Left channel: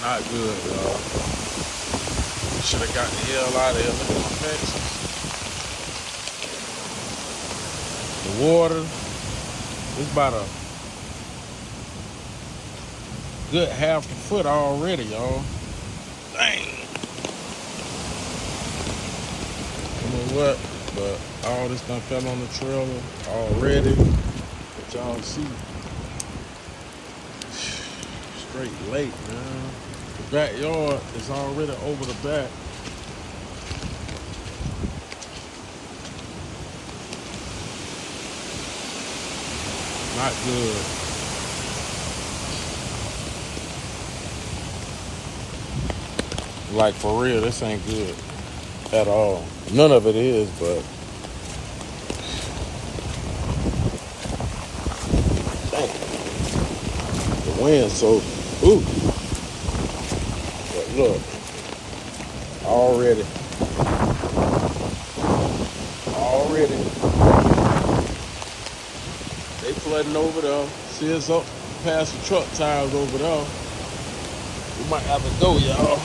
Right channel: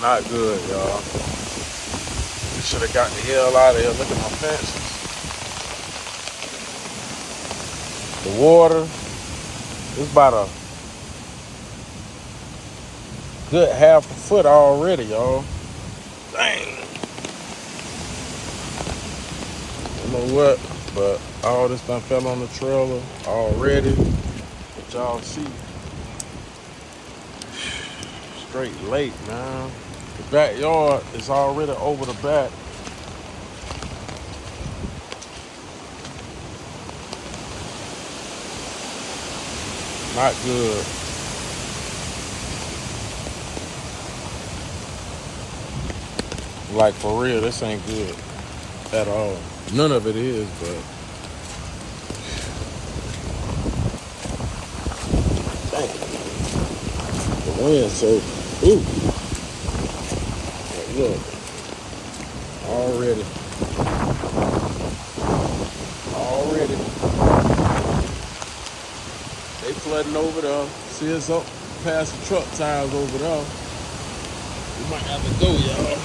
Not good, y'all. Should have got the hell out of here. Look at the fences. The water. It's about a good half a foot already, y'all. Dang. You know what? But all this done fell on the trailer already. But y'all see. Straight late, man. The backyard is already over the back. Not good. Like for real, this ain't good at all. None of it is, but dang. The wind so ooh. But look, already. They flooding over there. See us up past the truck tires over there. We might have to go, y'all.